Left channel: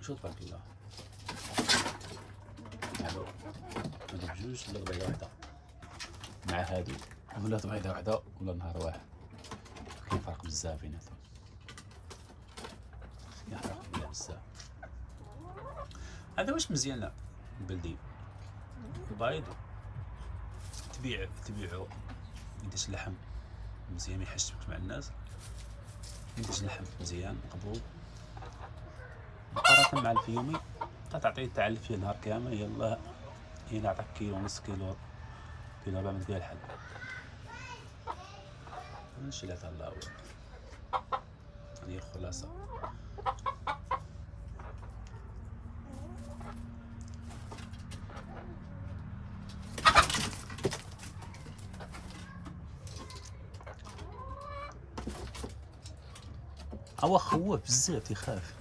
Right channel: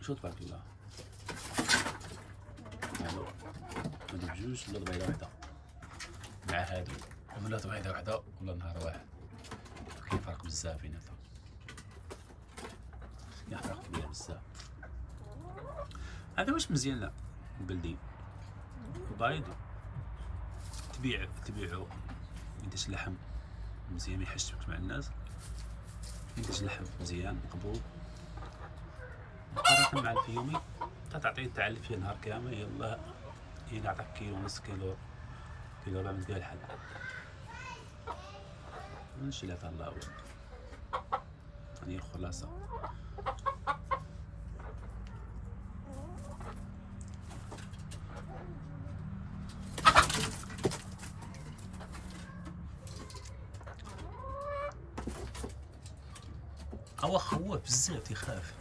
شو تبارك الله. هادو بجوج ولا بيضة وحدة مع هادو، ولا بيضة وحدة ولا نهار واحد. كاين فرق بزاف بيناتهم، كاين فرق كبير بزاف. هذا واش مزيان لا بلدي البيض تبيعو يديش اللحم مزيان، ما يحشمش مع الناس، يديش اللحم مزيان مقبول مقارنة مع الفيومي. تعطيه تعلف فيه نهار كامل، يلاه يعطيك كيلو ونص كيلو ربع من فيها الحل. ماشي لا الله هو هذه الخلاصة. هو خوف بزاف يخاف.